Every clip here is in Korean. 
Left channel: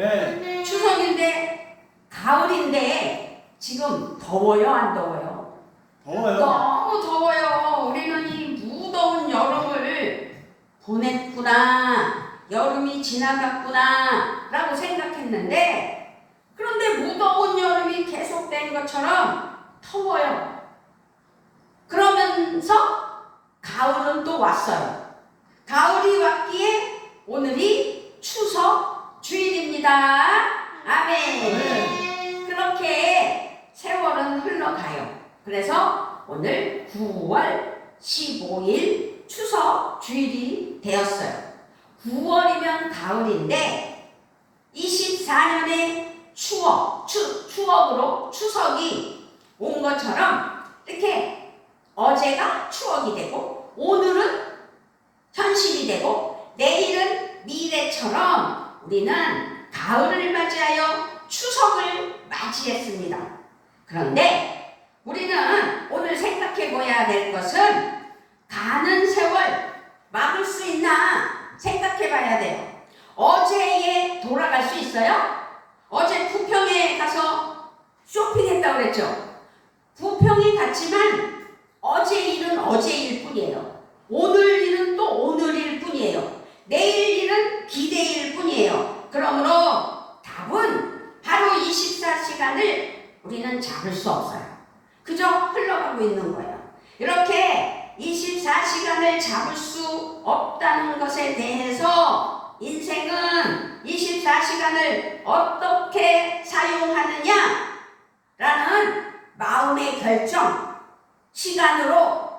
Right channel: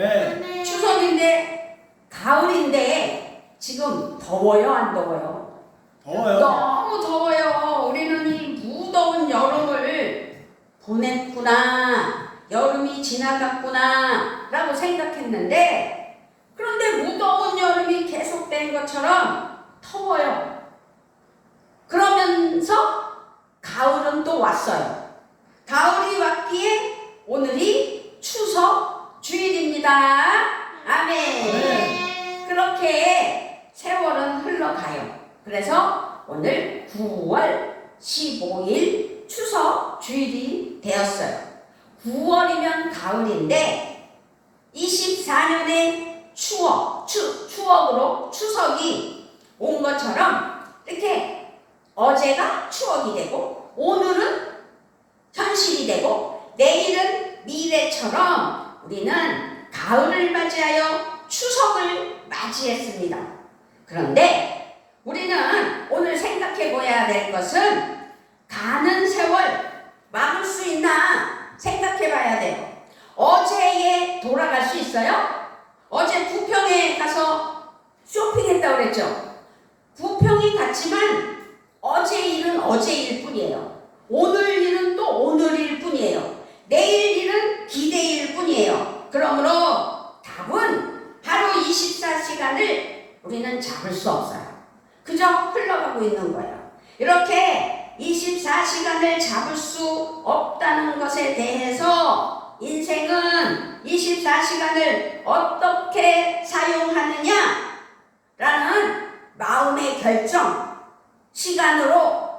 네. 추석인데 가을인데 지금 더워요, 안 더워요? 더워요. 너무 더워요. 우리는 이 무더운 여름을 보냈구나, 여름이 지나갔구나 라고 생각했는데, 그런데 무더운 여름이 계속된 것처럼 더워요. 그러면서 가을은 또 왔어요. 가을이 왔기에 오늘이 추석 주일입니다. 아멘. 그렇게 세월은 흘러가요. 그래서 오늘 9월 15일 추석 주일이 되었어요. 9월이면 가을인데 24년의 추억으로 추석이 온 것처럼 이렇게 어제가 추억이 되고 오늘은 현실이 되고 내일은 미래처럼 우리는 가을을 맞이하여 추석을 맞이했습니다. 그런데 우리는 오늘 생각해 보아야 될 것은 가는 세월 막을 수 있나 생각해 봐야 돼요. 어제에 돌아갈 수 있어요? 어제 부평에 가서 쇼핑했다고 그랬죠? 부평이 같지만 어제 일은 어제 일 뿐이에요. 오늘 일은 또 오늘 일 뿐이에요. 내일 일은 기대일 뿐이에요. 그러므로 답은 하루 24시간을 우리는 잡을 수 없어요. 그저 흘러가고 있는 거예요. 이렇게 24시간을 잡을 수 없다는 것에 대해서 인생은 24시간을 어떻게 사용하느냐라는 마음의 결정, 시간으로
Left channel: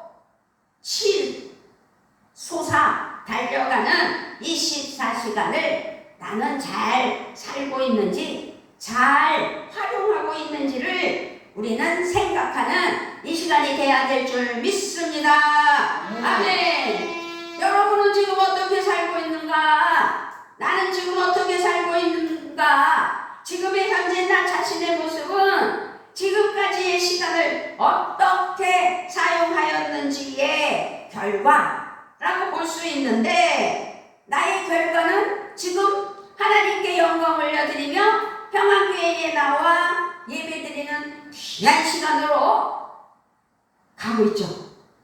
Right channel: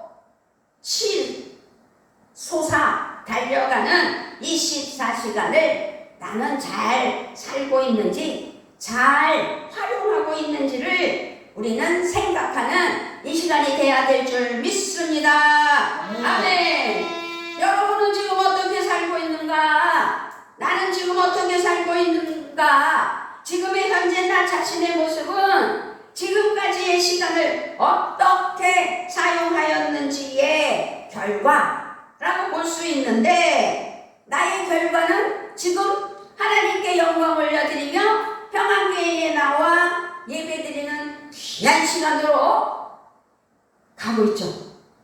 솟아 달려가는 24시간을 나는 잘 살고 있는지, 잘 활용하고 있는지를 우리는 생각하는 이 시간이 돼야 될 줄 믿습니다. 아멘. 여러분은 지금 어떻게 살고 있는가? 나는 지금 어떻게 살고 있는가? 지금의 현재 나 자신의 모습은 지금까지의 시간을 어떻게 사용하였는지의 결과라고 볼 수 있는데, 나의 결과는 지금 하나님께 영광 올려드리며 평안교회에 나와 예배드리는 귀한 시간으로 가고 있죠.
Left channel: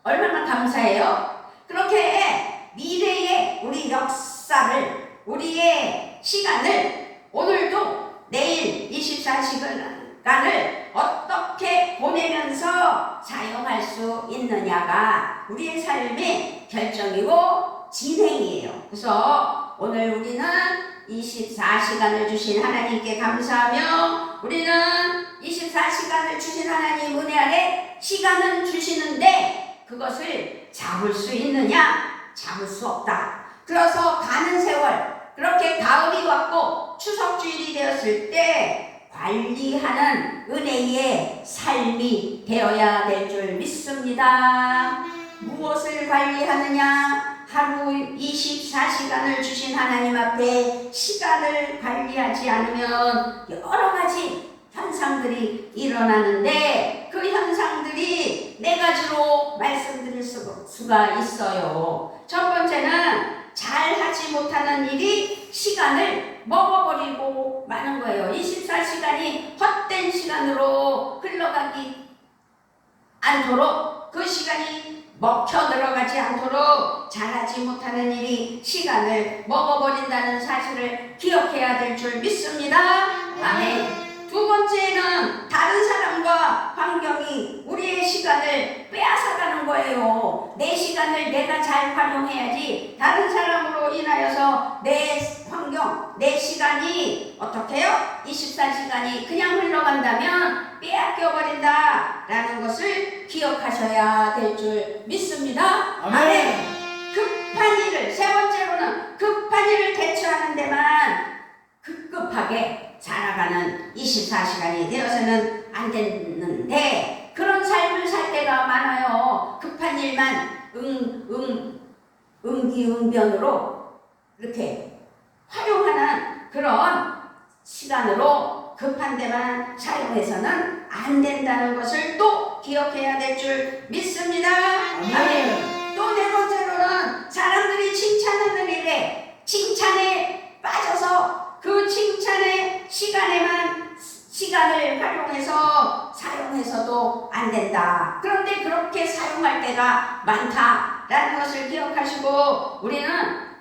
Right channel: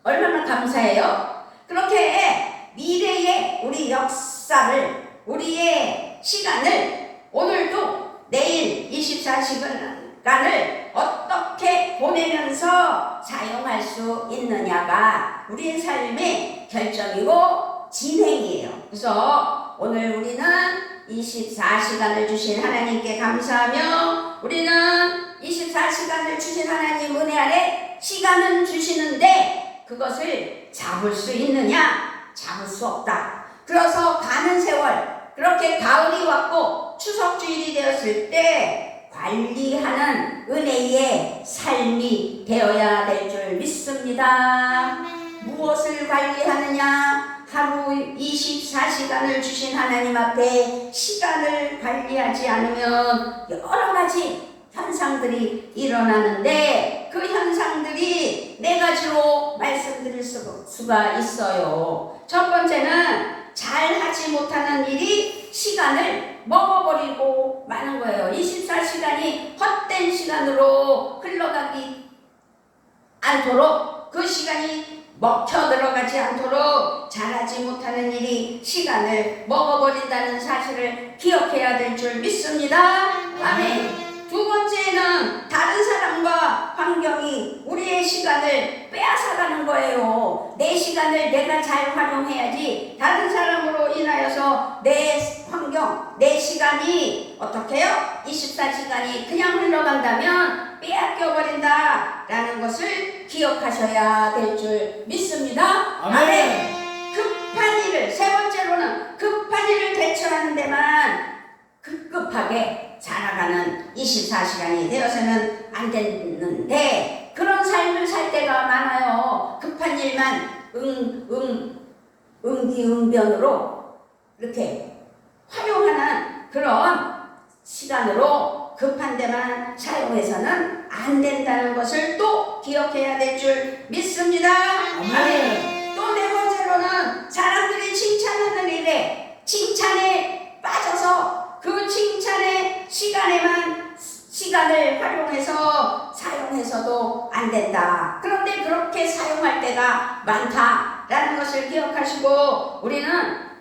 얼마나 감사해요. 그렇게 미래의 우리 역사를, 우리의 시간을 오늘도 내일 24시간을 어떻게 보내면서 사용할 수 있느냐가 우리의 삶의 결정이고 진행이에요. 그래서 오늘 우리는 24시간을 주신 하나님께 감사하며, 우리는 24시간을 주신 하나님 은혜 아래 시간은 주시는데 그것을 잡을 수 있느냐? 잡을 수 없다. 그래서 가는 세월, 그렇게 가을이 왔고 추석주일이 되었을 때 관리하는 은혜의 삶이 되어야 될 줄 믿습니다. 무엇을 관리하느냐? 하루 24시간을 주신 하나님 앞에 시간을 관리하지 않으면 여러 가지 현상들이 일어나는데, 그 현상들이 네 가지로 말씀드릴 수가 있어요. 첫 번째는 잘하지 못하는 일이 시간을 먹어버리고 마는 거예요. 24시간이 헛된 시간으로 흘러가기 않도록, 그 시간이 먹혀 들어가지 않도록 잘하지 못하는 일이 시간을 먹어버린다는 사실을 기억해야 될 줄 믿습니다. 아멘. 두 번째는 다른 사람과 환경이 우리의 시간을 빼앗아가는 거예요. 내 시간을 내가 잘 활용해야지 다른 사람으로 인하여서 내 환경, 내 시간이 어떻게 해요? 24시간이 그냥 흘러간다면 빼앗겨버린다 라는 것을 기억하셔야 될 줄 믿습니다. 아멘. 급한 일을, 세 번째로는 급한 일을 대처하는 데만 급급하게 살아가는 24시간이 되어서는 안 됐는데, 그런 삶을 살 때가 많아요. 급한 일만 응기응변으로 이렇게 활용하는 그런 시간으로 급한 데만 사용해서는 안 된다는 것을 또 기억해야 될 줄 믿습니다. 아멘. 또 네 번째로는 사람들이 칭찬하는 일에 칭찬에 빠져서 그 칭찬에 기억하시고 우리는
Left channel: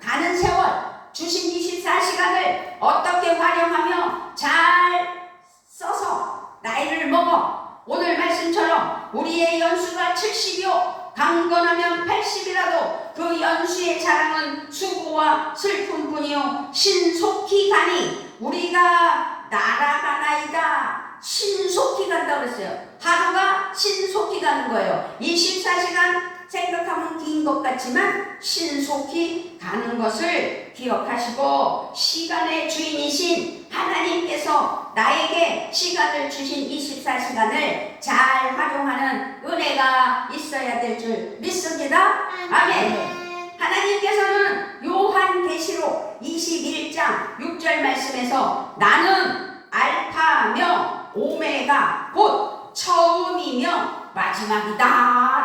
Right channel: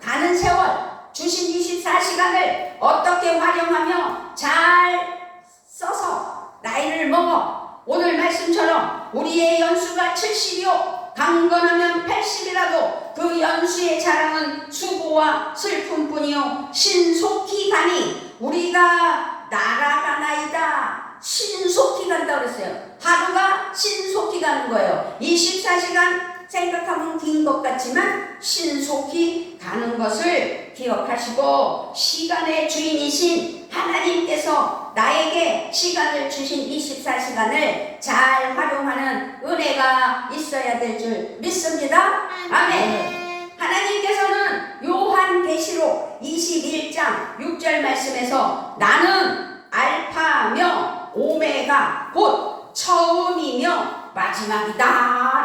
가는 세월 주신 24시간을 어떻게 활용하며 잘 써서 나이를 먹어 오늘 말씀처럼 우리의 연수가 70이요 강건하면 80이라도 그 연수의 자랑은 수고와 슬픔뿐이요 신속히 가니 우리가 날아가나이다. 신속히 간다고 그랬어요. 하루가 신속히 가는 거예요. 24시간 생각하면 긴 것 같지만 신속히 가는 것을 기억하시고 시간의 주인이신 하나님께서 나에게 시간을 주신 24시간을 잘 활용하는 은혜가 있어야 될 줄 믿습니다. 아멘. 하나님께서는 요한계시록 21장 6절 말씀에서 나는 알파며 오메가 곧 처음이며 마지막이다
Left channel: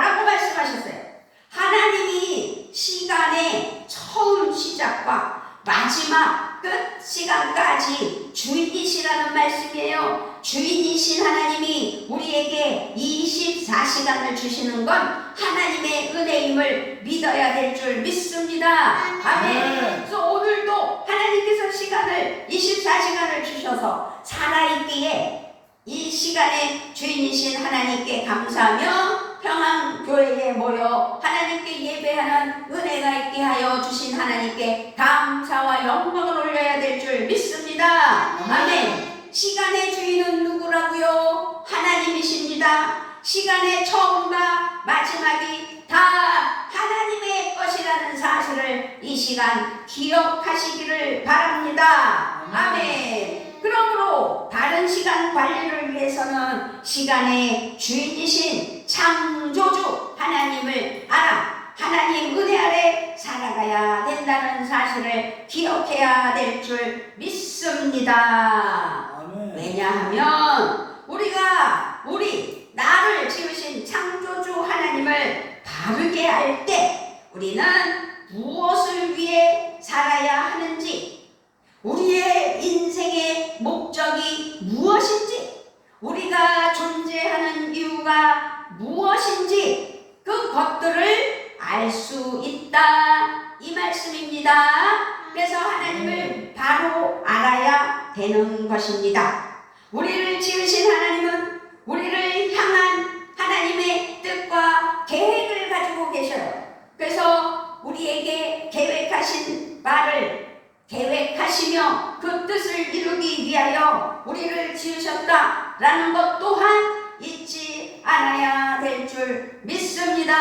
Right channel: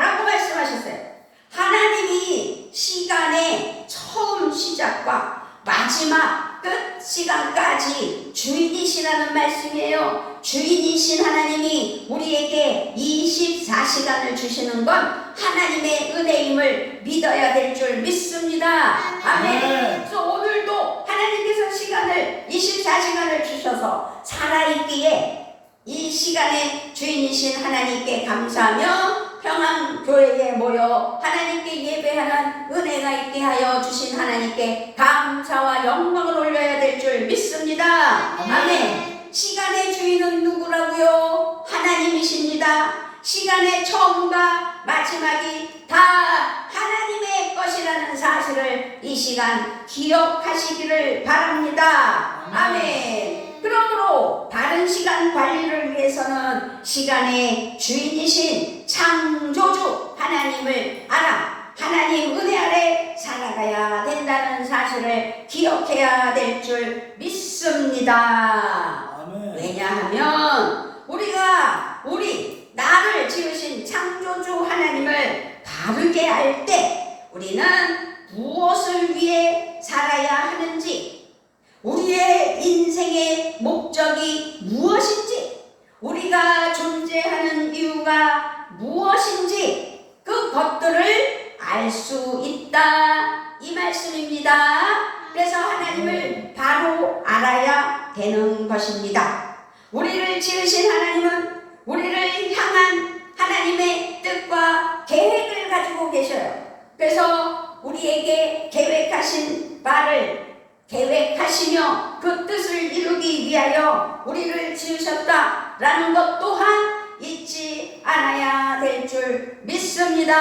라고 말씀하셨어요. 하나님이 시간의 처음 시작과 마지막 끝 시간까지 주인이시라는 말씀이에요. 주인이신 하나님이 우리에게 24시간을 주시는 건 하나님의 은혜임을 믿어야 될 줄 믿습니다. 아멘. 그래서 오늘도 하나님께서 시간을 24시간을 주셔서 살아있기에 이 시간의 주인이신 하나님께 감사하며 평안교회에 모여 하나님께 예배하는 은혜가 있게 하여 주신 하나님께 감사와 영광을 올려야 될 줄 믿습니다. 아멘. 시간의 주인은 누구라고요? 하나님이십니다. 시간의 처음과 마지막이 다 하나님의 것이라는 사실을 이 시간 기억하시기를 바랍니다. 아멘. 그러므로 바른 시간 관리를 위해서는 시간의 주인이신 창조주 하나님을 알아 하나님 은혜 아래 살아가야 된다는 사실을 기억해야 될 줄 믿습니다. 아멘. 왜냐하면 우리 나를 지으신 창조주 하나님을 바르게 알 때 우리는 무엇을 위해 살아야 하는지, 우리의 인생의 목적이 무엇인지, 우리가 존재하는 이유가 무엇인지 그것들을 알 수 있다 이 말씀입니다. 그래서 하나님을 바로 알아야 되는 것입니다. 우리를 지으신 하나님은 우리를 향한 하나님의 뜻과 계획을 가지고 계셔요. 그래서 우리에게 계획하신 바를 계획하시며 그 뜻을 이루기 위하여 우리를 지으셨다라는 것 또한 잊지 않아야 될 줄 믿습니다.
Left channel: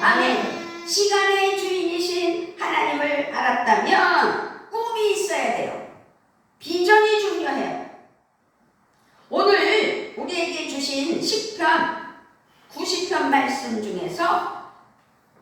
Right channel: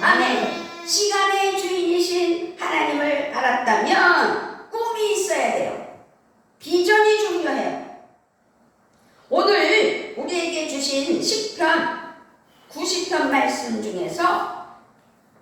아멘. 시간의 주인이신 하나님을 알았다면 꿈이 있어야 돼요. 비전이 중요해요. 오늘 우리에게 주신 시편 90편 말씀 중에서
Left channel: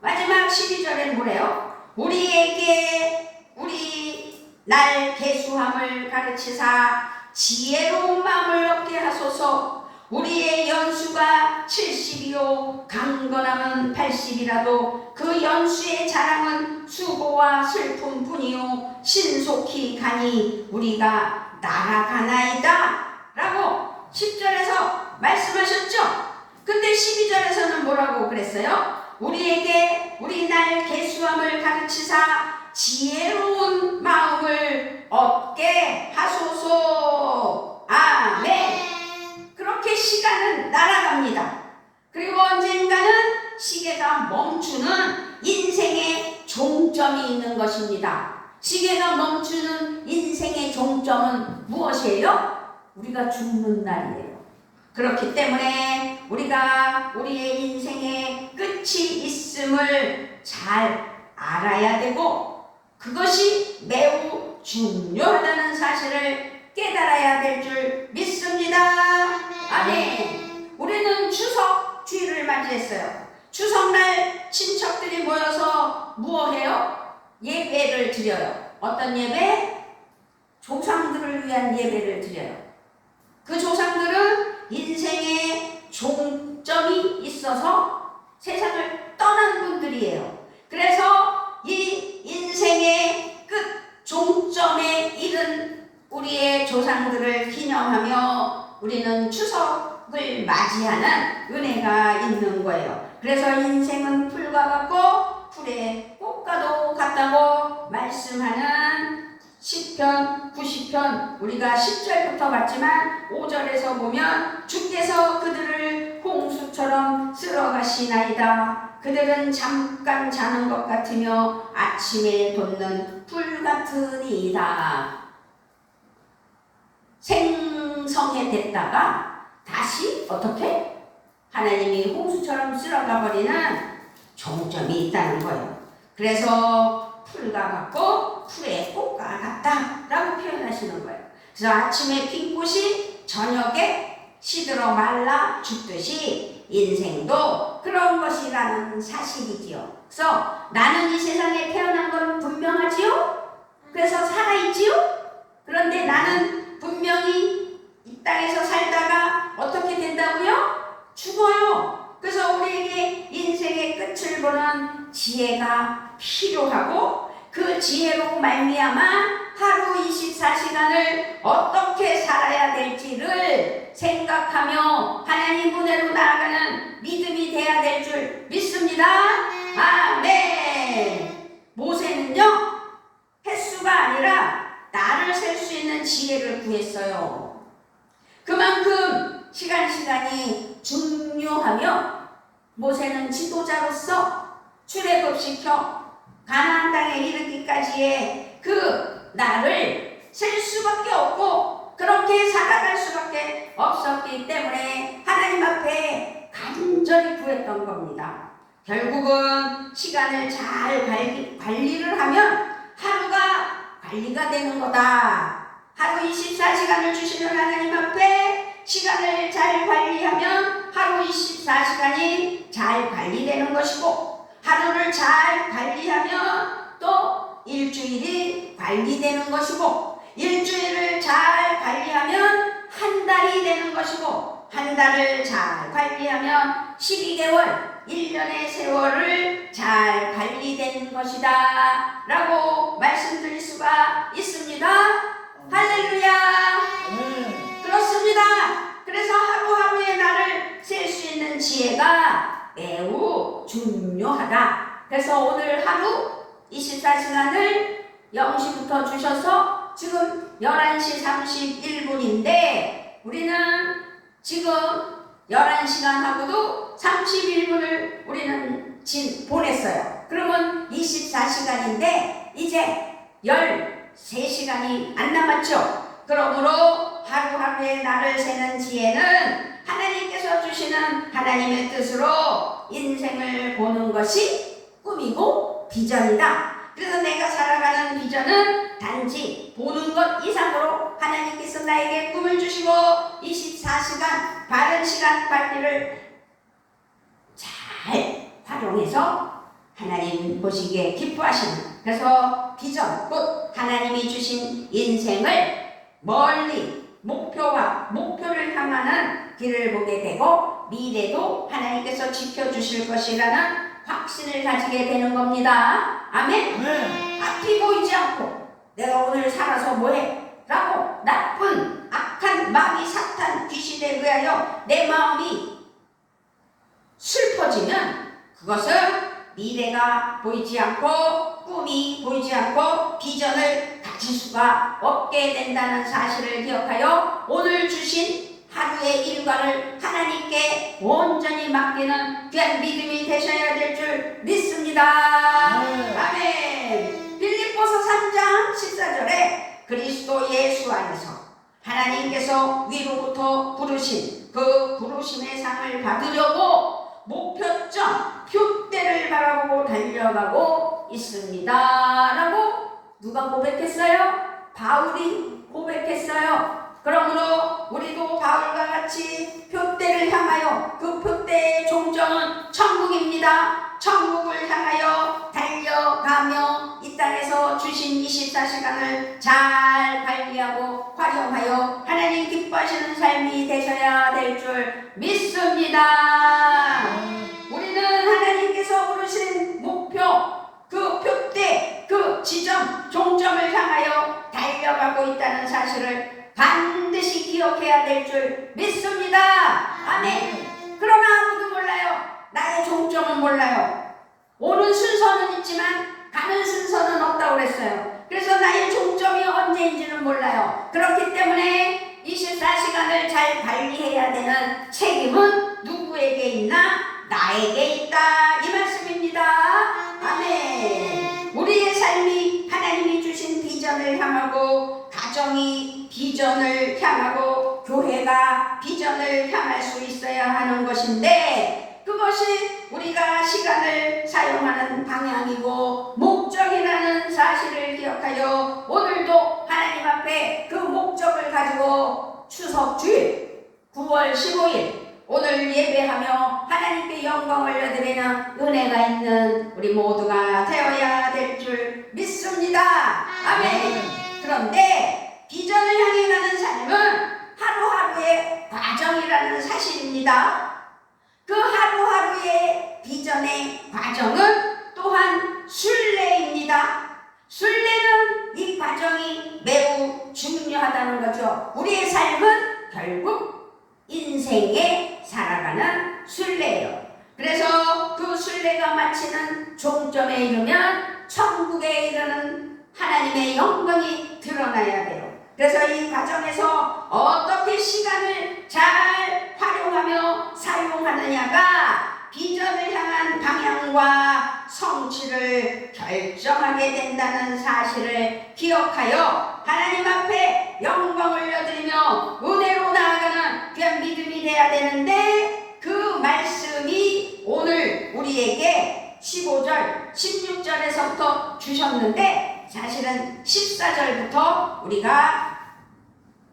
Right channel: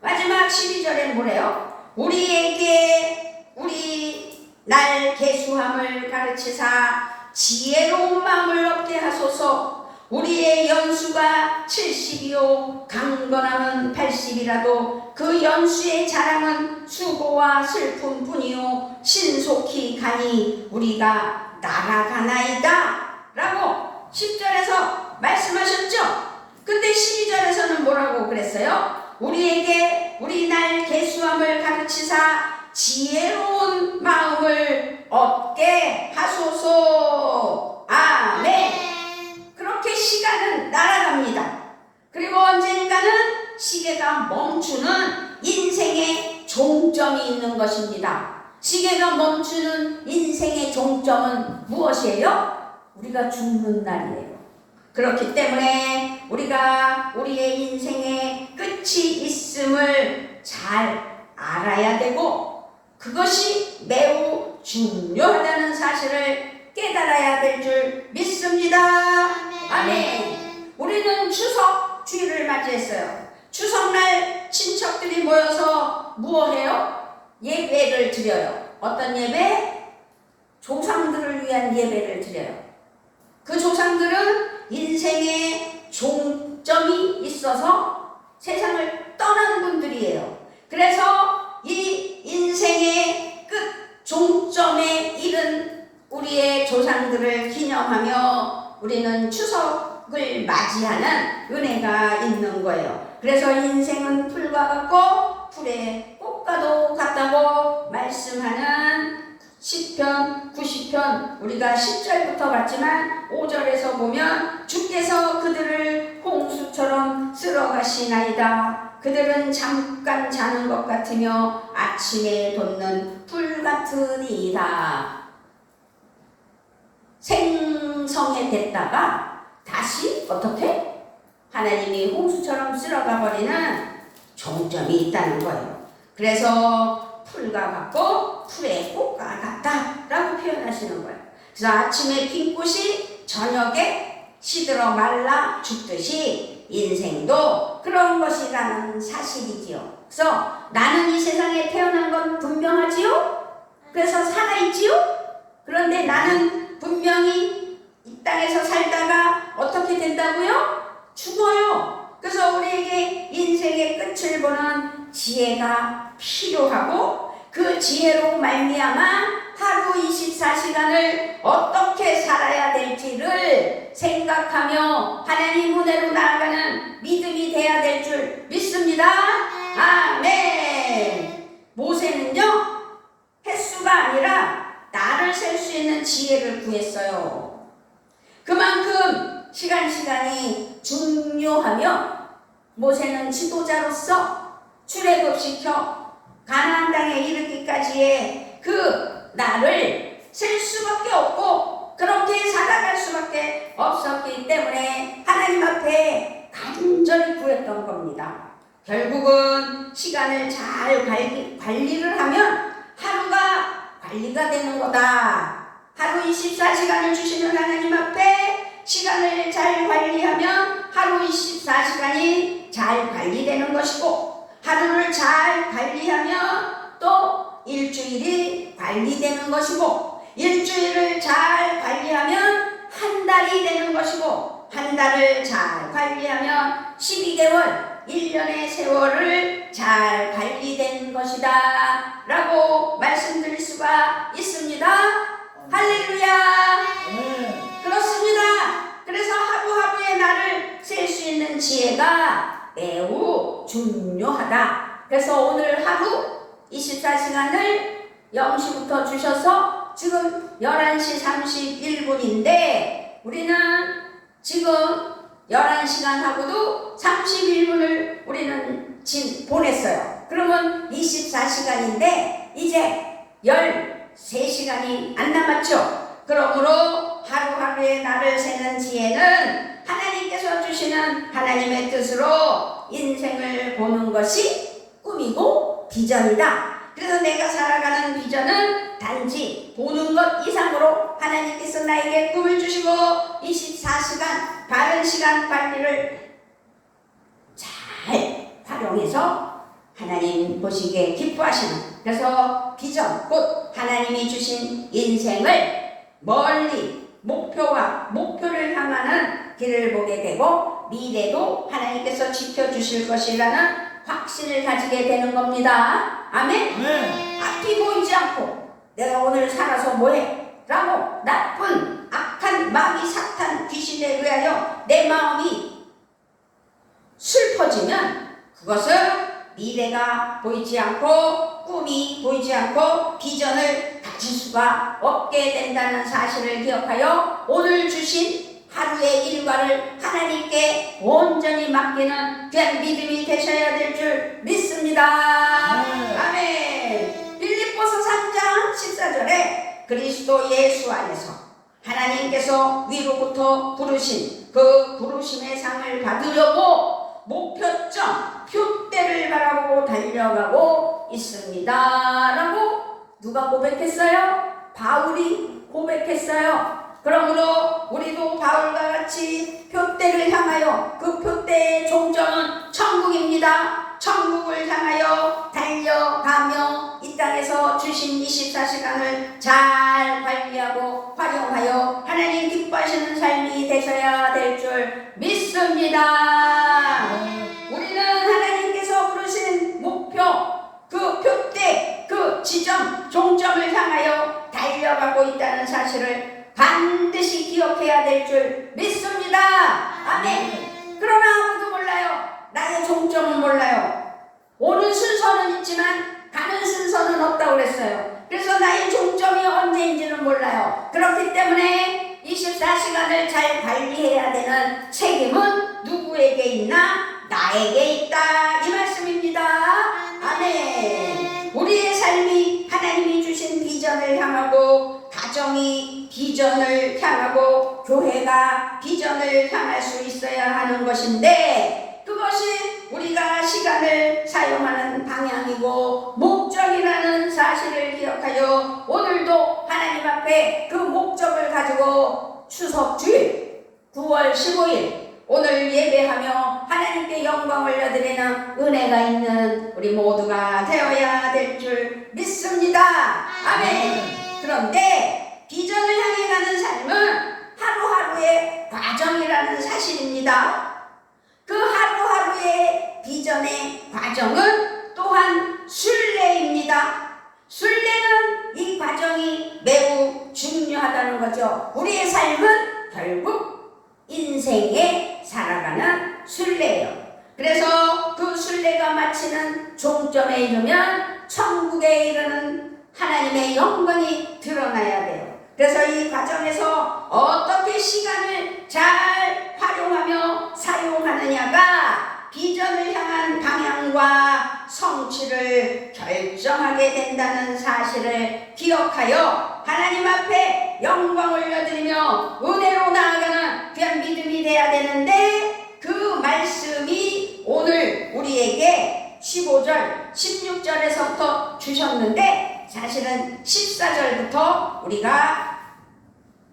마지막 12절에 뭐래요? 우리에게 우리 날 계수함을 가르치사 지혜로운 마음을 얻게 하소서. 우리의 연수가 70이요 강건함은 80이라도 그 연수의 자랑은 수고와 슬픔뿐이요 신속히 가니 우리가 날아가나이다 라고 10절에서 말씀하셨죠. 근데 12절에서는 뭐라고 그랬어요? 우리에게 우리 날 계수함을 가르치사 지혜로운 마음을 얻게 하소서. 아멘. 그렇게 시간은 날아갑니다. 그리고 언젠가는 시계가 멈추는 인생의 종점이 있는 것입니다. 시계가 멈추는 인생의 종점은 무엇이에요? 우리가 죽는 날이에요. 그렇기 때문에 우리가 우리의 인생의 끝이 있음을 잘 알아야 되고 그것이 매우 중요하다는 사실을 깨달아야 될 줄 믿습니다. 아멘. 우리는 추석 주일을 맞이했어요. 추석날 친척들이 모여서 무엇해요? 예배를 드려요. 어떤 예배? 조상들을 위한 예배를 드려요. 그 조상들은 인생의 종점이 있어서 세상을 떠난 분들이에요. 그래서 이 인생의 끝 종점에 이른 우리의 조상들을 기념하며 우리는 추석을 맞이하는 은혜가 있는 거예요. 그래서 인생은 풀과 같고 풀의 꽃과도 같다고 말씀하는 시편 90편 우리가 10절부터 봤지만 5절에서 보면 주께서 그들을 홍수처럼 쓸어가시나이다. 그들은 잠깐 자는 것 같으며 아침에 돋는 풀 같으니이다. 생성해 됐다가 다시 어떻게? 하나님이 홍수처럼 쓸어가 버리는 종점이 있다는 거예요. 그래서 풀과 같고 풀의 꽃과 같다라고 표현하시는 거예요. 그래서 아침에 핀 꽃이 저녁에 시들어 말라 죽듯이 인생도 그런 것이라는 사실이지요. 그래서 나는 이 세상에 태어난 건 분명하지요. 그래서 살아있지요. 그런데 나는 분명히 이 땅에서 살다가 어떻게 된다고요? 죽어요. 그래서 우리에게 인생의 끝을 보는 지혜가 필요하고 그 지혜로 말미암아 하루 24시간을 어떻게 살아야 될지를 생각하며 하나님 은혜로 나아가는 믿음이 돼야 될 줄 믿습니다. 아멘. 모세는요 횟수가 아니라 날을 셀 수 있는 지혜를 구했어요. 그만큼 시간이 중요하며 모세는 지도자로서 출애굽시켜 가나안 땅에 이르기까지의 그 날을 셀 수밖에 없고 그렇게 살아갈 수밖에 없었기 때문에 하나님 앞에 간절히 구했던 겁니다. 결국은 시간을 잘 관리를 하면 하루가 관리가 되는 거다. 하루 24시간을 주시는 하나님 앞에 시간을 잘 관리하면 하루 24시간이 잘 관리되는 것이고 하루를 잘 관리하면 또 일주일이 관리되는 것이고 일주일을 잘 관리하면 한 달이 되는 것이고 한 달을 잘 관리하면 12개월 1년의 세월을 잘 관리된 것이다 라고 말씀드릴 수가 있습니다. 할렐루야. 그렇습니다. 그래서 하루하루의 날을 셀 수 있는 지혜가 매우 중요하다. 그래서 오늘 하루 24시간을 0시부터 주셔서 지금 11시 31분인데 우리는 지금 11시간하고도 31분을 우리는 보냈어요. 그러면 24시간인데 이제 13시간이 안 남았죠. 그러므로 하루하루의 날을 세는 지혜는 하나님께서 주시는 하나님의 뜻으로 인생을 보는 것이 꿈이고 비전이다. 그래서 내가 살아가는 비전은 단지 보는 것 이상으로 하나님께서 나에게 꿈을 주시고 24시간 바른 시간 관리를 잘 활용해서 하나님 보시기에 기뻐하시는 그래서 비전 곧 하나님이 주신 인생을 멀리 목표를 향하는 길을 보게 되고 미래도 하나님께서 지켜주실 것이라는 확신을 가지게 되는 겁니다. 아멘. 앞이 보이지 않고 내가 오늘 살아서 뭐해? 라고 나쁜 악한 마귀 사탄 귀신에 의하여 내 마음이 슬퍼지면 그것은 미래가 보이지 않고 꿈이 보이지 않고 비전을 가질 수가 없게 된다는 사실을 기억하여 오늘 주신 하루의 일과를 하나님께 온전히 맡기는 귀한 믿음이 되셔야 될 줄 믿습니다. 아멘. 빌립보서 3장 14절에 그리스도 예수 안에서 하나님께서 위로부터 부르신 그 부르심의 상을 받으려고 목표점 표대를 바라보고 달려가고 있습니다 라고 누가 고백했어요? 바울이 고백했어요. 그러므로 우리도 바울과 같이 표대를 향하여 그 표대의 종점은 천국입니다. 천국을 향하여 달려가며 이 땅에서 주신 24시간을 잘 관리하고 활용하여 하나님 기뻐하시는 삶이 되셔야 될 줄 믿습니다. 우리는 하나님께서 부르신 목표 그 표대 그 지점 종점을 향하여 달려가고 있다는 사실을 반드시 기억해야 될 줄 믿습니다. 아멘. 그러나 아무도 몰라요. 나의 종점은 몰라요. 오는 순서는 있지만 가는 순서는 없다고 그랬어요. 그래서 나의 종점이 언제인지는 몰라요. 그렇기 때문에 24시간을 잘 관리해야 되는 책임은 누구에게 있나? 나에게 있다, 이 말씀입니다. 아멘. 우리의 삶이 하나님이 주신 비전을 향하고, 가정이 비전을 향하고, 교회가 비전을 향할 수 있어야 하는 것인데, 그것이 우리가 시간을 사용하는 방향이고 목적이라는 사실을 기억하여 오늘도 하나님 앞에 그 목적을 가지고 추석 주일 9월 15일 오늘 예배하며 하나님께 영광 올려드리는 은혜가 있는 우리 모두가 되어야 될 줄 믿습니다. 아멘. 그런데 비전을 향해 가는 삶은 하루하루의 과정이라는 사실입니다. 그 하루하루의 비전의 과정은 또한 순례입니다. 순례는 이 과정이 매우 중요하다는 거죠. 우리의 삶은 결국 인생에 살아가는 순례예요. 그래서 그 순례가 마치는 종점에 이르면 천국에 이르는 하나님의 영광이 드러나야 돼요. 그래서 이 과정에서 어떻게 시간을 잘 활용하며 사용하느냐가 비전을 향한 방향과 성취를 결정하게 된다는 사실을 기억하여 하나님 앞에 영광 올려드리며 은혜로 나아가는 귀한 믿음이 되어야 되는데, 그 말씀이 오늘 우리에게 15절, 16절에서부터 주셨는데 사실은 14절부터 우리가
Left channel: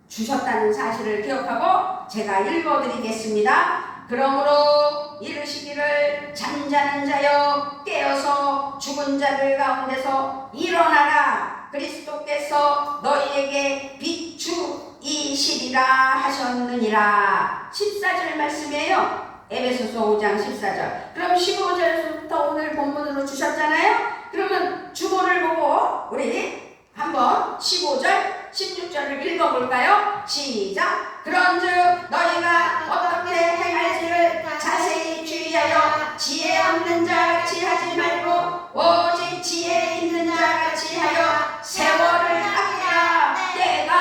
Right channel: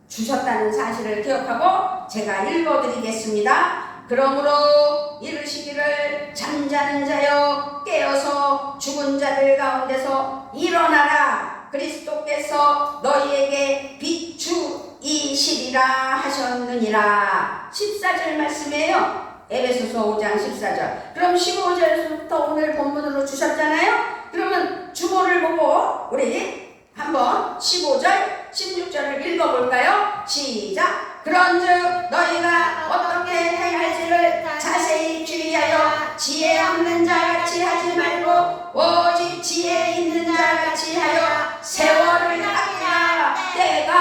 주셨다는 사실을 기억하고 제가 읽어드리겠습니다. 그러므로 이르시기를 잠자는 자여 깨어서 죽은 자들 가운데서 일어나라. 그리스도께서 너희에게 비추이시리라 하셨느니라. 14절 말씀이에요. 에베소서 5장 14절. 그럼 15절부터 오늘 본문으로 주셨잖아요. 그러면 주보를 보고 우리 한번 15절, 16절을 읽어볼까요? 시작! 그런즉 너희가 어떻게 행할지를 자세히 주의하여 지혜 없는 자같이 하지 말고 오직 지혜 있는 자같이 하여 세월을 아끼라. 때가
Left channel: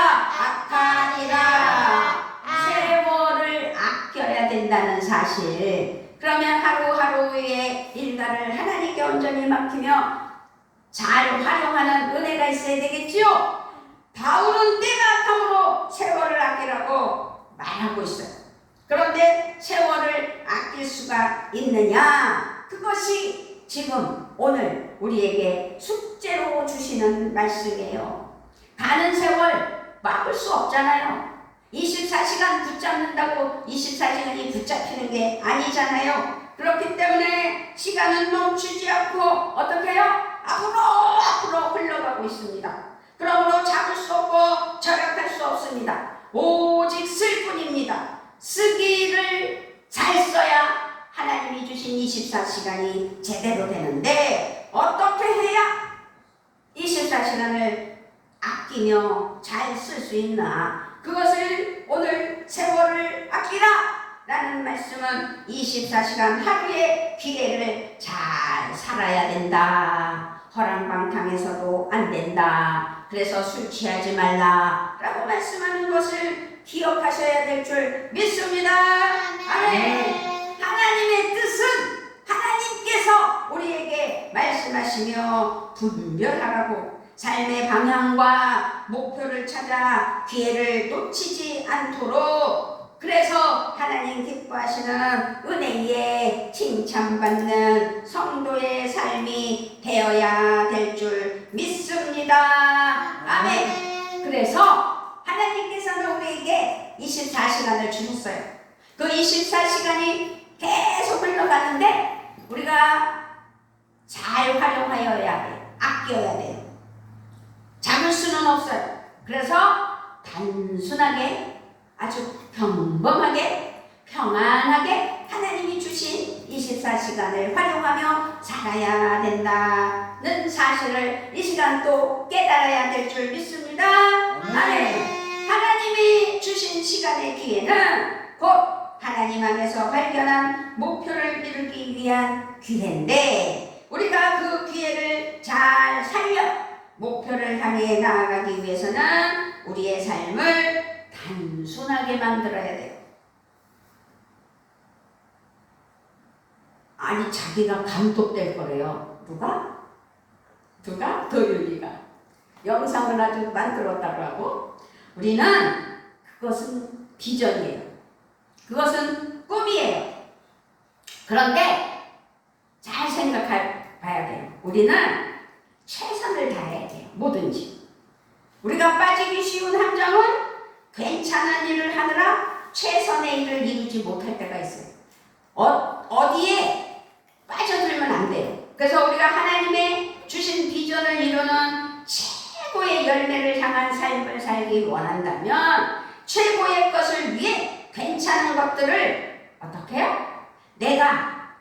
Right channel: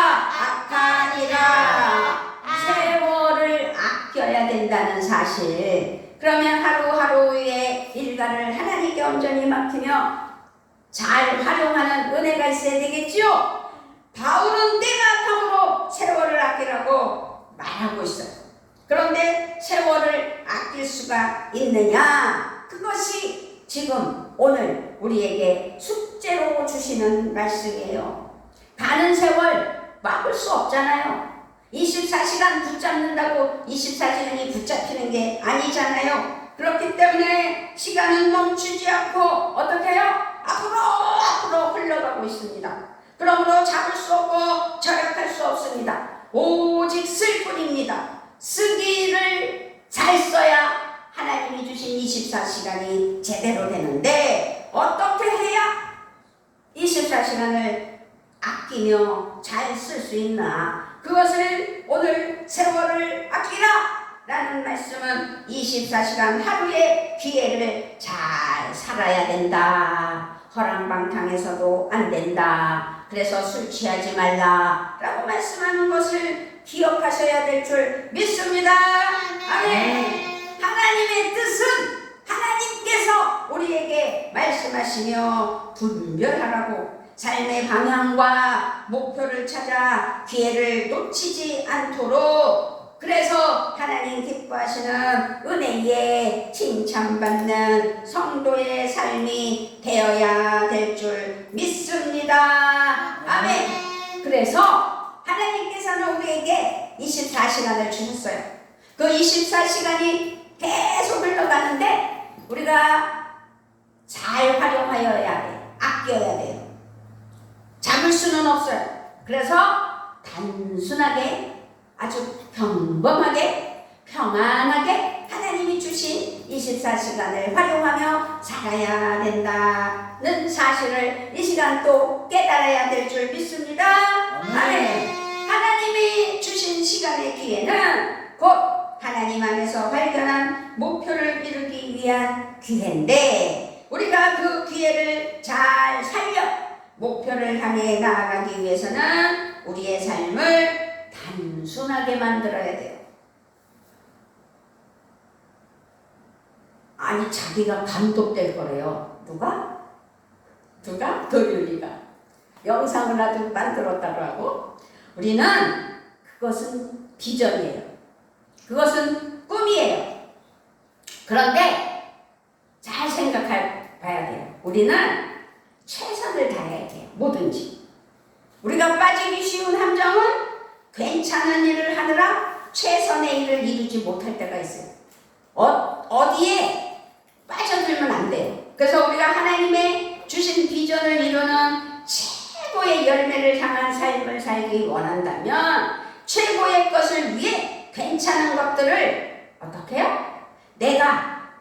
악하니라. 세월을 아껴야 된다는 사실. 그러면 하루하루의 일과를 하나님께 온전히 맡기며 잘 활용하는 은혜가 있어야 되겠지요. 바울은 때가 악함으로 세월을 아끼라고 말하고 있어요. 그런데 세월을 아낄 수가 있느냐? 그것이 지금 오늘 우리에게 숙제로 주시는 말씀이에요. 가는 세월 막을 수 없잖아요. 24시간 붙잡는다고 24시간이 붙잡히는 게 아니잖아요. 그렇기 때문에 시간은 멈추지 않고 어떻게 해요? 앞으로 흘러가고 있습니다. 그러므로 잡을 수 없고 절약할 수 없습니다. 오직 쓸 뿐입니다. 쓰기를 잘 써야 하나님이 주신 24시간이 제대로 되는데 어떻게 해야 24시간을 아끼며 잘 쓸 수 있나? 그것을 오늘 세월을 아끼라 라는 말씀은 24시간 하루의 기회를 잘 살아야 된다. 허랑방탕해서도 안 된다. 그래서 술 취하지 말라 라고 말씀하는 것을 기억하셔야 될 줄 믿습니다. 아멘. 하나님의 뜻은 하나님께서 우리에게 말씀하시며 분별하라고, 삶의 방향과 목표를 찾아 기회를 놓치지 않도록, 그래서 하나님 기뻐하시는 은혜에 칭찬받는 성도의 삶이 되어야 될 줄 믿습니다. 아멘. 그래서 하나님께서는 우리에게 24시간을 주셨어요. 그 24시간이 계속 흘러가는데 우리가 잘 활용하여야 돼요. 아껴야 돼요. 잡을 수는 없어요. 그래서 단순하게 아주 평범하게 평안하게 하나님이 주신 24시간을 활용하며 살아야 된다는 사실을 이 시간 또 깨달아야 될 줄 믿습니다. 아멘. 하나님이 주신 시간의 기회는 곧 하나님 안에서 발견한 목표를 이루기 위한 기회인데, 우리가 그 기회를 잘 살려 목표를 향해 나아가기 위해서는 우리의 삶을 단순하게 만들어야 돼요. 아니 자기가 감독될 거래요. 누가? 도윤이가 영상을 아주 만들었다고 하고, 우리는 그것은 비전이에요. 그것은 꿈이에요. 그런데 잘 생각해 봐야 돼요. 우리는 최선을 다해야 돼요. 뭐든지. 우리가 빠지기 쉬운 함정은 괜찮은 일을 하느라 최선의 일을 이루지 못할 때가 있어요. 어디에 빠져들면 안 돼요. 그래서 우리가 하나님의 주신 비전을 이루는 최고의 열매를 향한 삶을 살기 원한다면 최고의 것을 위해 괜찮은 것들을 어떻게 해요? 내가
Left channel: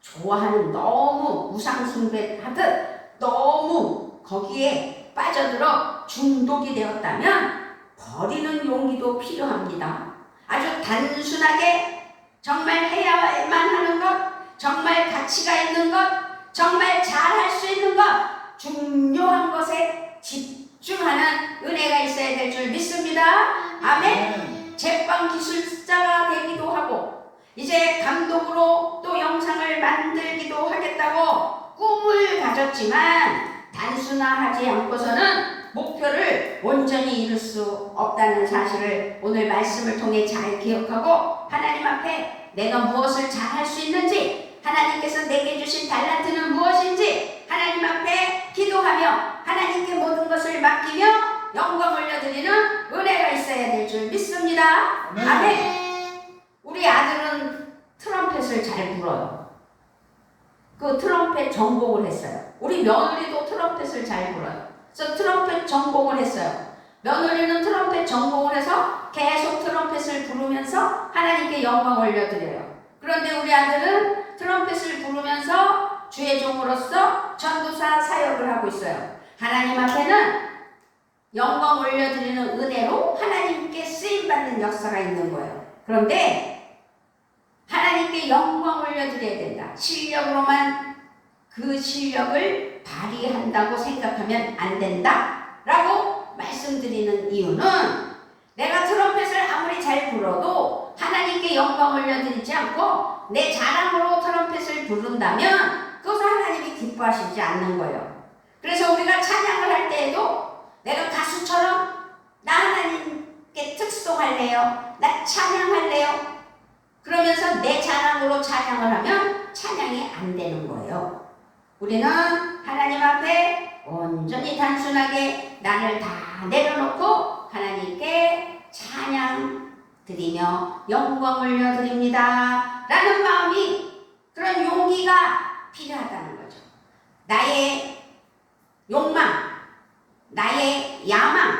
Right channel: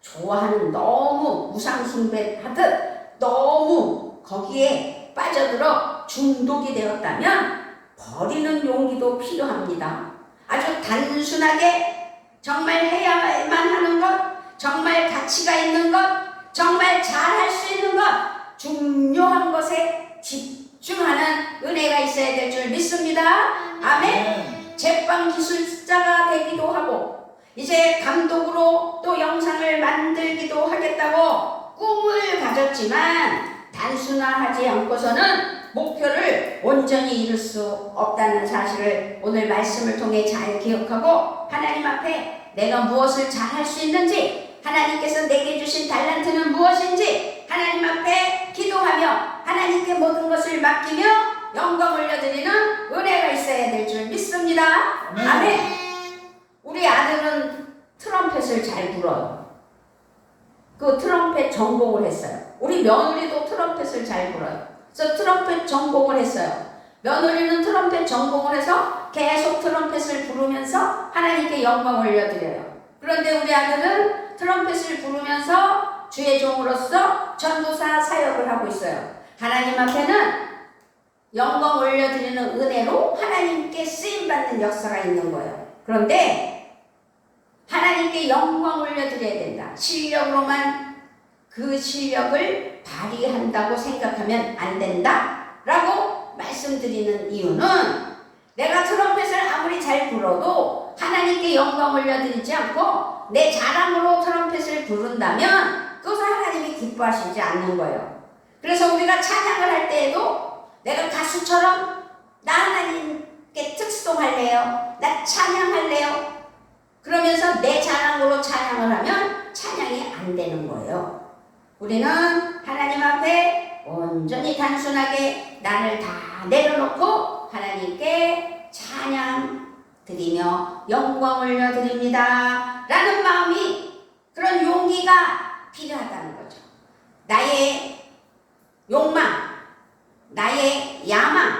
좋아하는, 너무 우상숭배하듯 너무 거기에 빠져들어 중독이 되었다면 버리는 용기도 필요합니다. 아주 단순하게 정말 해야만 하는 것, 정말 가치가 있는 것, 정말 잘할 수 있는 것, 중요한 것에 집중하는 은혜가 있어야 될 줄 믿습니다. 아멘. 제빵 기술자가 되기도 하고 이제 감독으로 또 영상을 만들기도 하겠다고 꿈을 가졌지만 단순화하지 않고서는 목표를 온전히 이룰 수 없다는 사실을 오늘 말씀을 통해 잘 기억하고, 하나님 앞에 내가 무엇을 잘할 수 있는지, 하나님께서 내게 주신 달란트는 무엇인지 하나님 앞에 기도하며 하나님께 모든 것을 맡기며 영광 올려드리는 은혜가 있어야 될 줄 믿습니다. 아멘. 우리 아들은 트럼펫을 잘 불어요. 그 트럼펫 전공을 했어요. 우리 며느리도 트럼펫을 잘 불어요. 그래서 트럼펫 전공을 했어요. 며느리는 트럼펫 전공을 해서 계속 트럼펫을 부르면서 하나님께 영광 올려드려요. 그런데 우리 아들은 트럼펫을 부르면서 주의 종으로서 전도사 사역을 하고 있어요. 하나님 앞에는 영광 올려드리는 은혜로 하나님께 쓰임받는 역사가 있는 거예요. 그런데 하나님께 영광 올려드려야 된다. 실력으로만 그 실력을 발휘한다고 생각하면 안 된다 라고 말씀드리는 이유는, 내가 트럼펫을 아무리 잘 불어도 하나님께 영광 올려드리지 않고 내 자랑으로 트럼펫을 부른다면 그것을 하나님이 기뻐하시지 않는 거예요. 그래서 우리가 찬양을 할 때에도 내가 가수처럼 나 하나님께 특송할래요, 나 찬양할래요 그러면서 내 자랑으로 찬양을 하면 찬양이 안 되는 거예요. 우리는 하나님 앞에 온전히 단순하게 나를 다 내려놓고 하나님께 찬양 드리며 영광 올려드립니다 라는 마음이, 그런 용기가 필요하다는 거죠. 나의 욕망, 나의 야망,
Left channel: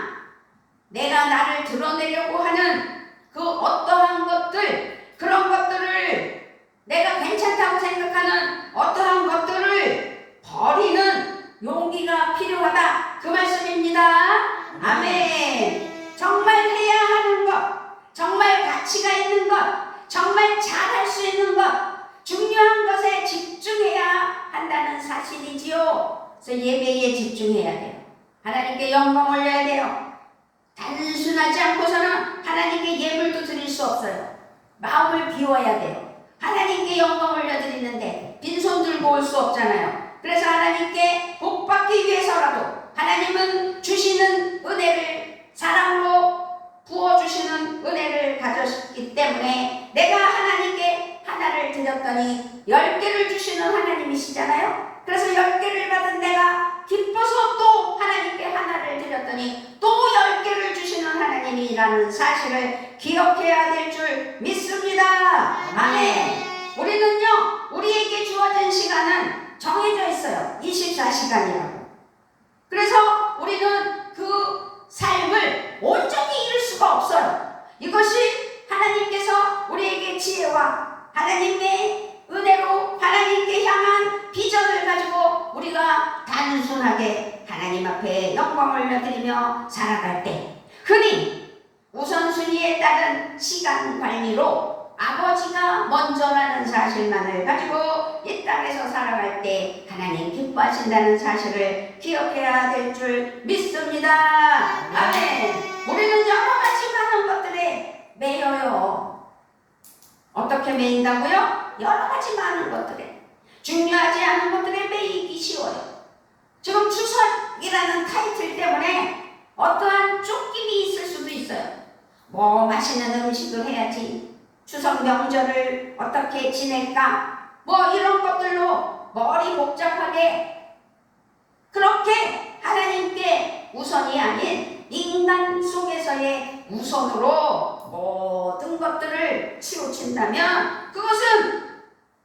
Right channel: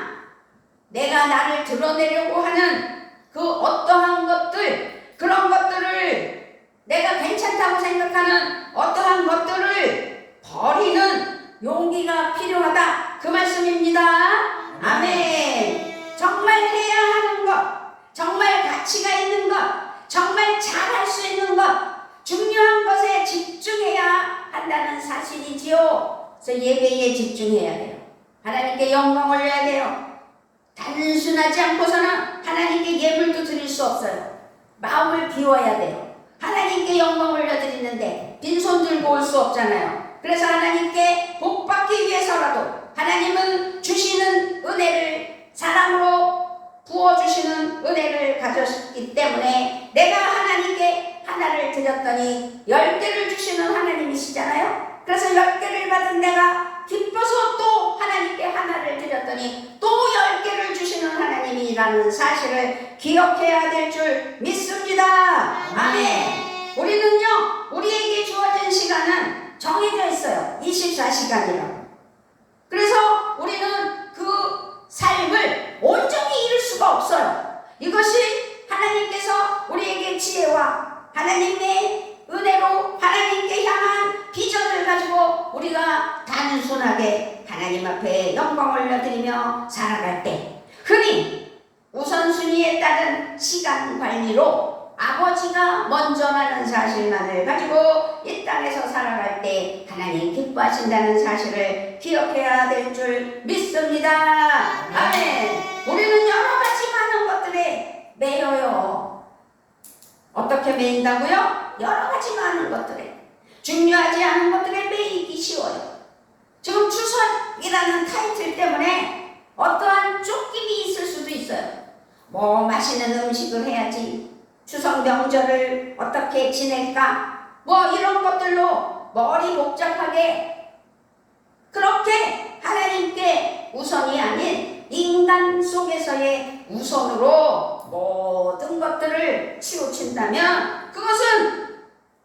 내가 나를 드러내려고 하는 그 어떠한 것들, 그런 것들을, 내가 괜찮다고 생각하는 어떠한 것들을 버리는 용기가 필요하다, 그 말씀입니다. 아멘. 정말 해야 하는 것, 정말 가치가 있는 것, 정말 잘할 수 있는 것, 중요한 것에 집중해야 한다는 사실이지요. 그래서 예배에 집중해야 돼요. 하나님께 영광 올려야 돼요. 단순하지 않고서는 하나님께 예물도 드릴 수 없어요. 마음을 비워야 돼요. 하나님께 영광 올려드리는데 빈손 들고 올 수 없잖아요. 그래서 하나님께 복 받기 위해서라도, 하나님은 주시는 은혜를, 사랑으로 부어주시는 은혜를 가졌기 때문에 내가 하나님께 하나를 드렸더니 10개를 주시는 하나님이시잖아요. 그래서 10개를 받은 내가 기뻐서 또 하나님께 하나를 드렸더니 또 10개를 주시는 하나님이라는 사실을 기억해야 될 줄 믿습니다. 아멘. 우리는요, 우리에게 주어진 시간은 정해져 있어요. 24시간이라고. 그래서 우리는 그 삶을 온전히 이룰 수가 없어요. 이것이 하나님께서 우리에게 지혜와 하나님의 은혜로 하나님께 향한 비전을 가지고 우리가 단순하게 하나님 앞에 영광 올려드리며 살아갈 때, 흔히 우선순위에 따른 시간 관리로 아버지가 먼저라는 사실만을 가지고 이 땅에서 살아갈 때 하나님 기뻐하신다는 사실을 기억해야 될 줄 믿습니다. 아멘. 우리는 여러 가지 많은 것들에 매여요. 어떻게 매인다고요? 여러 가지 많은 것들에. 중요하지 않은 것들에 매이기 쉬워요. 지금 추석이라는 타이틀 때문에 어떠한 쫓김이 있을 수도 있어요. 뭐 맛있는 음식을 해야지, 추석 명절을 어떻게 지낼까, 뭐 이런 것들로 머리 복잡하게, 그렇게 하나님께 우선이 아닌 인간 속에서의 우선으로 모든 것들을 치우친다면 그것은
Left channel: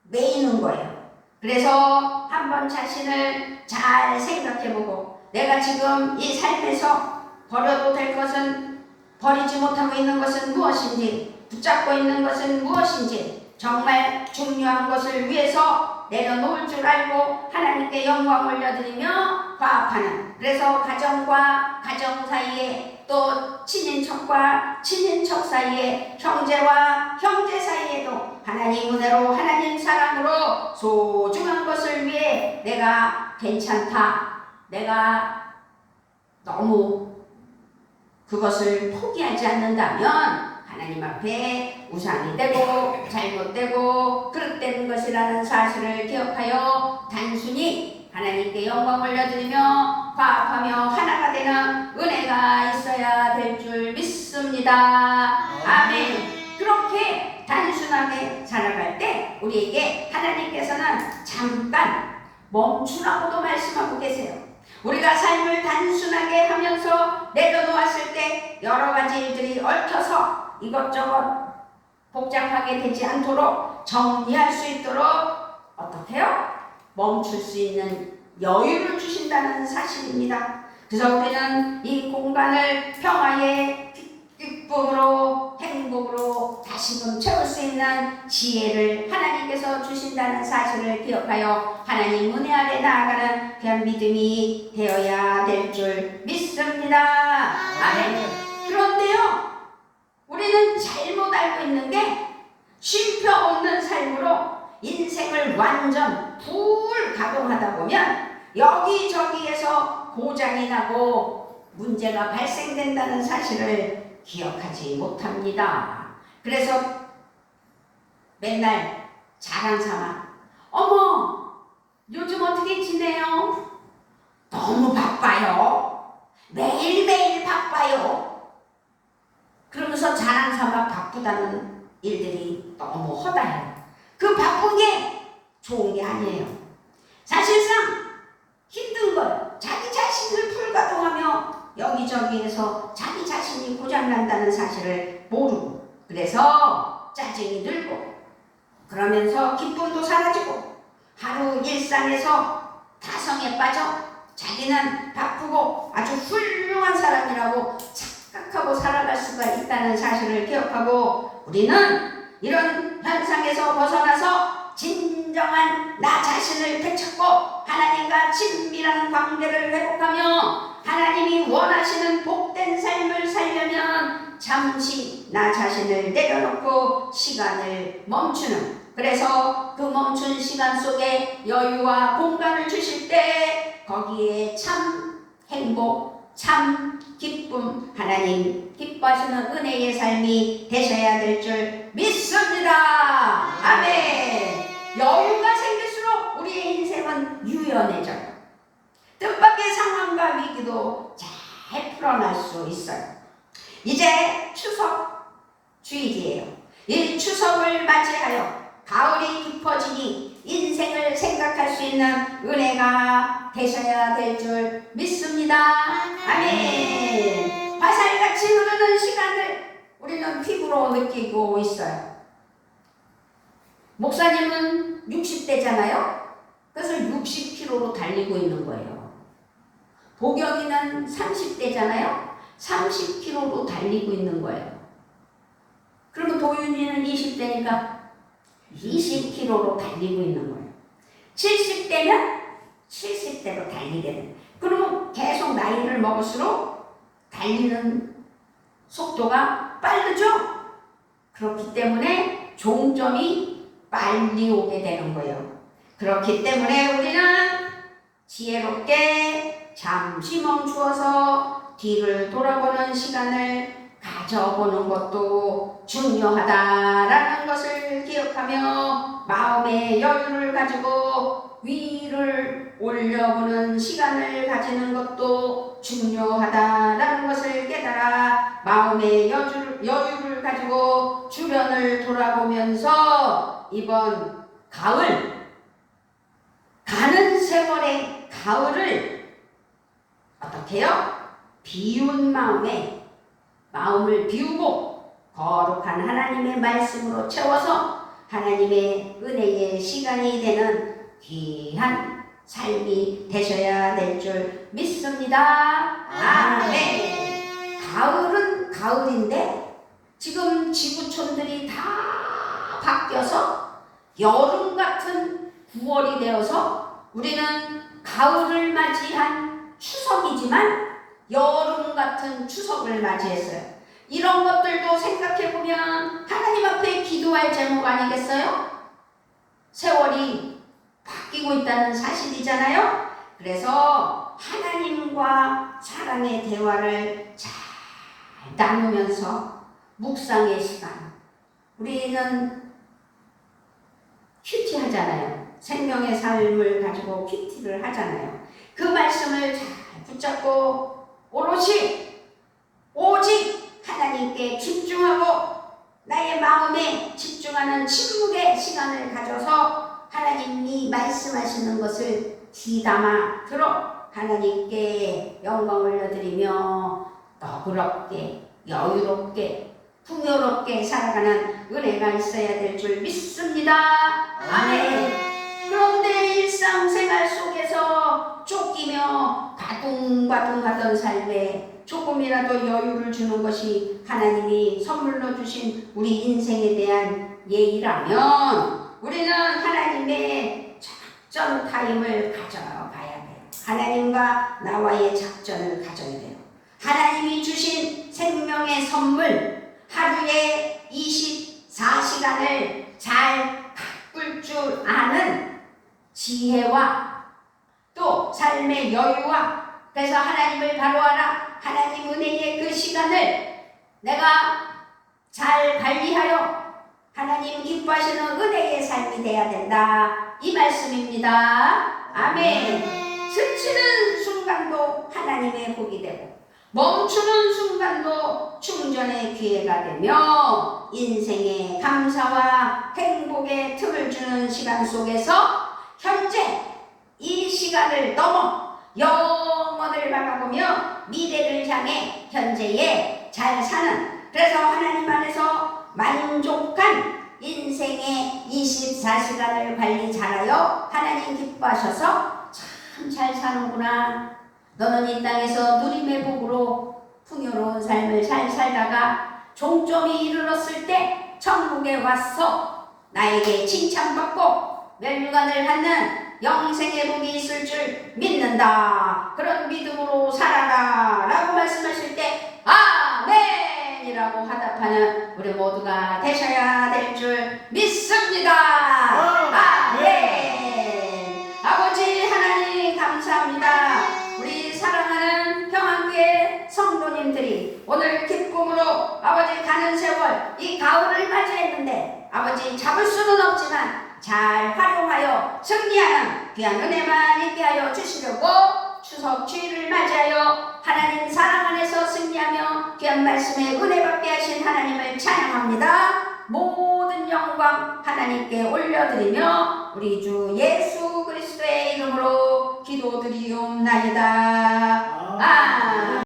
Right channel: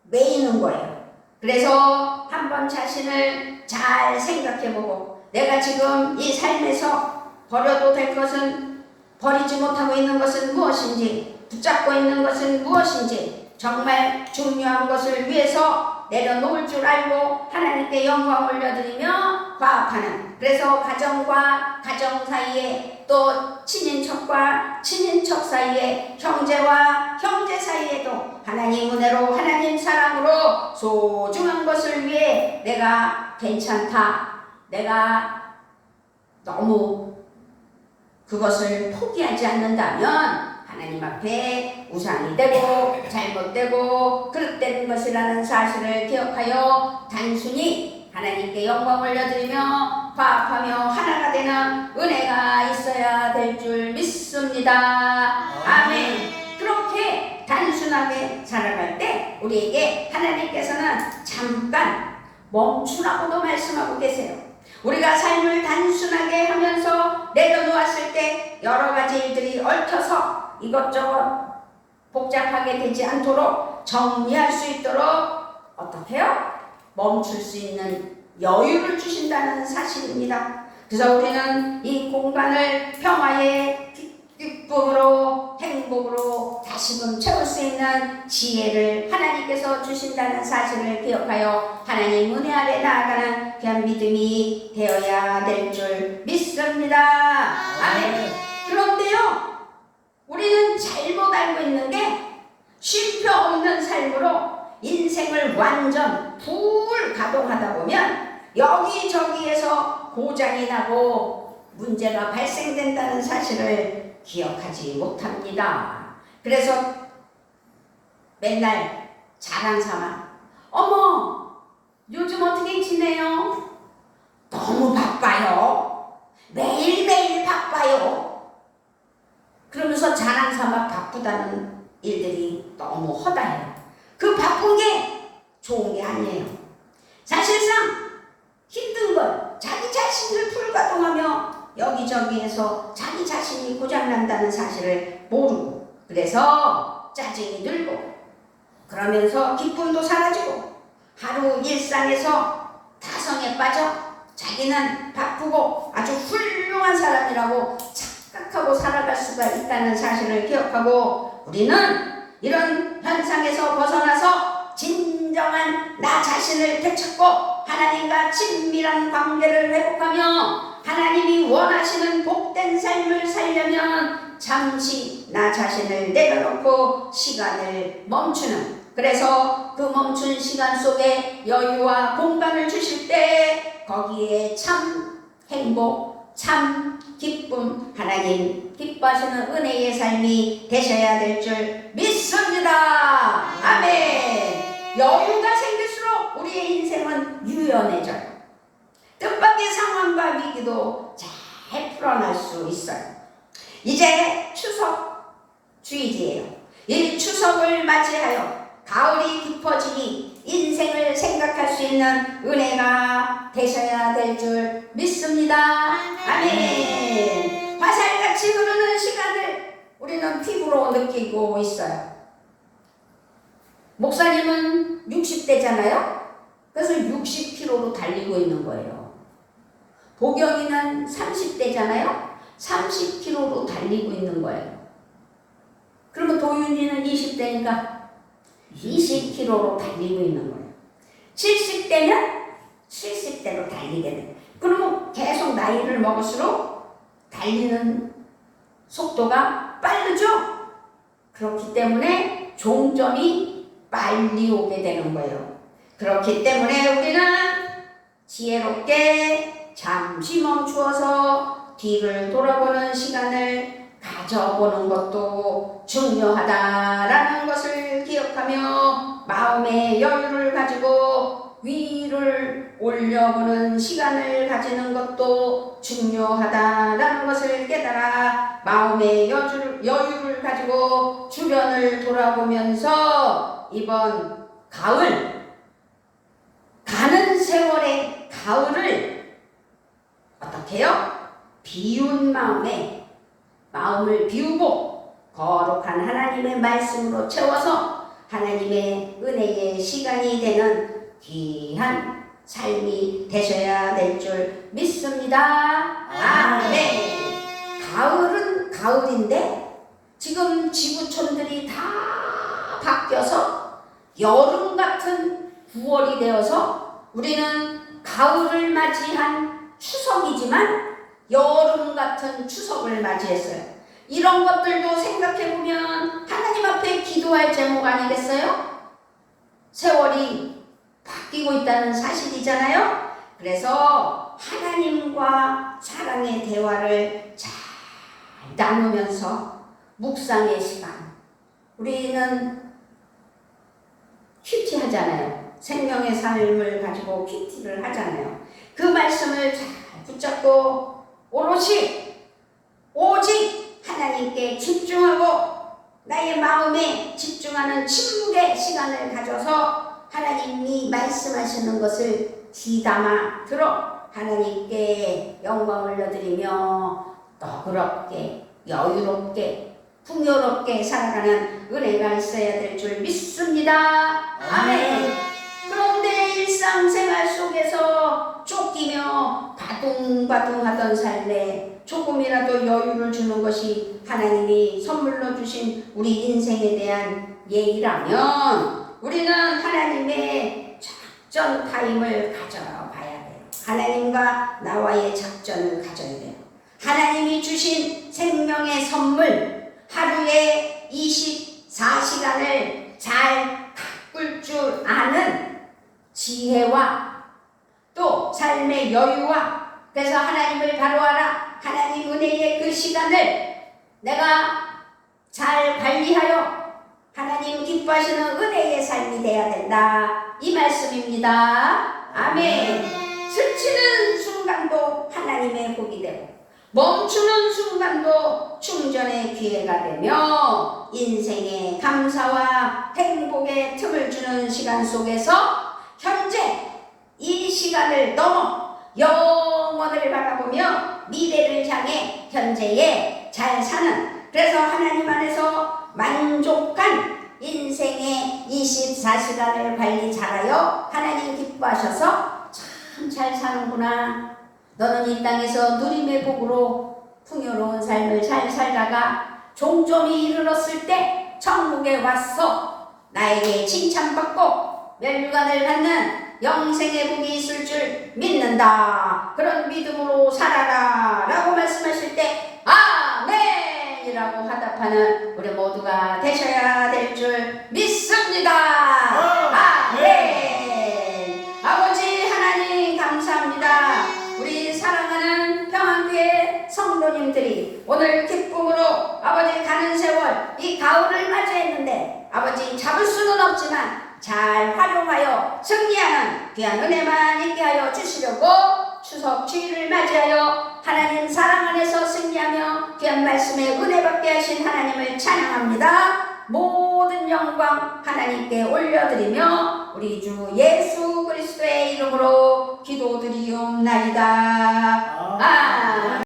매이는 거예요. 그래서 한번 자신을 잘 생각해보고, 내가 지금 이 삶에서 버려도 될 것은, 버리지 못하고 있는 것은 무엇인지, 붙잡고 있는 것은 무엇인지, 정말 중요한 것을 위해서 내려놓을 줄 알고 하나님께 영광 올려드리며 화합하는, 그래서 가정과 가정 사이에, 또 친인척과 친인척 사이에, 형제와 형제 사이에도 하나님 은혜로, 하나님 사랑으로 소중한 것을 위해 내가 괜찮다, 내가 너무 그것을 포기하지 않는다면 하나님 앞에 우상이 되고 잘못되고 그릇된 것이라는 사실을 기억하여 단순히 하나님께 영광 올려드리며 화합하며 하나가 되는 은혜가 있어야 될 줄 믿습니다. 아멘. 그렇게 단순하게 살아갈 때 우리에게 하나님께서는 잠깐 멈추라고도 말씀하고 계세요. 우리가 삶을 단순하게 하면서 내려놓았을 때 여러 가지 일들이 얽혀서 이것저것 복잡하게 되지 않도록 정리할 수 있도록 어떻게 해요? 멈출 수 있는 여유를 주신다는 사실입니다. 그래서 우리는 이 공간을 평화의 기쁨으로, 행복으로 다시금 채울 수 있는 지혜를 하나님께서 주신다는 사실을 기억하여 하나님 은혜 아래 나아가는 귀한 믿음이 되어야 될 줄 믿습니다. 아멘. 그런데요, 우리는 잘못 알고 있는 게, 쉼표 없는 삶으로 인생을 완전 풀 가동하다 보면 여기저기에서 고장이 나고 문제가 발생된다는 사실을 기억하지 못합니다. 그래서 맨날 자랑 삼아, 어머 요즘 어떻게 지내요? 너무 바빠요. 매일매일 바빠요. 그러면서 자랑 삼아 바쁘다는 일들이 너무 허다해요. 그 바쁜 게 좋은 게 아니에요. 사실상 힘든 걸 자기 자신을 풀가동하며 여기저기에서 자기 자신이 고장난다는 사실을 모르고, 그래서 짜증이 들고, 그러면서 기쁨도 사라지고, 하루 일상에서 타성에 빠져 자기는 바쁘고 아주 훌륭한 사람이라고 착각하고 살아갈 수가 있다는 사실을 기억하고, 우리는 이런 현상에서 벗어나서 진정한 나 자신을 되찾고 하나님과 친밀한 관계를 회복하며 하나님이 원하시는 복된 삶을 살려면 잠시 나 자신을 내려놓고 시간을 멈추는, 그래서 그 멈춘 시간 속에 여유와 공간을 주실 때 거기에 참 행복, 참 기쁨, 하나님 기뻐하시는 은혜의 삶이 되셔야 될 줄 믿습니다. 아멘. 여유가 생길수록 우리의 인생은 유연해져요. 뜻밖의 상황과 위기도 잘 풀어날 수 있어요. 이제 추석 주일이에요. 이 추석을 맞이하여 가을이 깊어지니 인생을 생각할 수 있는 은혜가 되셔야 될 줄 믿습니다. 아멘. 화살같이 흐르는 시간을 우리는 피부로 느끼고 있어요. 목사님은 60대잖아요. 그래서 60km로 달리고 있는 거예요. 보경이는 30대잖아요. 30km로 달리고 있는 거예요. 그러면 도윤이는 20대니까 20km로 달리고 있는 거예요. 70대면 70대로 달리게 돼요. 그러면 계속 나이를 먹을수록 달리는 속도가 빠르죠? 그렇기 때문에 종점이 빨리 오게 되는 거예요. 그렇기 때문에 우리는 지혜롭게 잠시 멈추어서 뒤를 돌아보는 시간을 가져보는 것도 중요하다라는 것을 기억하며 마음의 여유를 가지고 위를 올려보는 시간을 가지는 것도 중요하다라는 것을 깨달아 마음의 여유를 가지고 주변을 돌아보면서 이번 가을, 가는 세월의 가을을 어떻게 해요? 비운 마음을 비우고 거룩한 하나님의 말씀으로 채워서 하나님의 은혜의 시간이 되는 귀한 삶이 되셔야 될 줄 믿습니다. 아멘. 가을은 가을인데 지금 지구촌들이 다 바뀌어서 여름 같은 9월이 되어서 우리는 가을을 맞이한 추석이지만 여름 같은 추석을 맞이했어요. 이런 것들도 생각해보면 하나님 앞에 기도할 제목 아니겠어요? 세월이 바뀌고 있다는 사실이잖아요. 그래서 하나님과 사랑의 대화를 잘 나누면서 묵상의 시간, 우리는 큐티 하잖아요. 생명의 삶을 가지고 큐티를 하잖아요. 그 말씀을 잘 붙잡고 오직 하나님께 집중하고 나의 마음에 집중하는 침묵의 시간을 가져서 하나님이 말씀하시는 것을 귀담아 들어 하나님께 영광 올려드리며 너그럽게 여유롭게 풍요롭게 살아가는 은혜가 있어야 될 줄 믿습니다. 아멘. 그런데 일상생활 속에서 쫓기며 바둥바둥하던 삶에 조금이라도 여유를 주는 것이 하나님이 선물로 주신 우리 인생에 대한 예의라면 우리는 하나님의 작전 타임을 가져봐야 돼요. 하나님과 나와의 작전을 가져야 돼요. 하나님이 주신 생명의 선물 하루에 24시간을 잘 가꿀 줄 아는 지혜와 또 삶의 여유와 그래서 하나님을 바로하라. 하나님 은혜의 그 시간을 내가 잘 관리하여 하나님 기뻐하시는 은혜의 삶이 되어야 된다. 이 말씀입니다. 아멘. 스치는 순간도 하나님의 복이 되고 멈추는 순간도 충전의 기회가 되며 인생의 감사와 행복의 틈을 주는 시간 속에서 현재 이 시간을 넘어 영원을 바라보며 미래를 향해 현재에 잘 사는 그래서 하나님 안에서 만족한 인생의 24시간을 관리 잘하여 하나님 기뻐하셔서 참 잘 사는구나. 너는 이 땅에서 누림의 복으로 풍요로운 삶을 잘 살다가 종점이 이르렀을 때 천국에 와서 나에게 칭찬받고 멸류관을 받는 영생의 복이 있을 줄 믿는다. 그런 믿음으로 살아라 라고 말씀하실 때 아멘이라고 화답하는 우리 모두가 되셔야 될 줄 믿습니다. 아멘. 아버지 하나님 감사합니다. 우리 사랑하는 평안교회 성도님들이 오늘 기쁨으로 아버지 가는 세월 이 가을을 맞이했는데 아버지 잡을 수는 없지만 잘 활용하여 승리하는 귀한 은혜만 있게 하여 주시려고 추석 주일을 맞이하여 하나님 사랑 안에서 승리하며 귀한 말씀에 은혜 받게 하신 하나님을 찬양합니다. 모든 영광 하나님께 올려드리며 우리 주 예수 그리스도의 이름으로 기도드리옵나이다.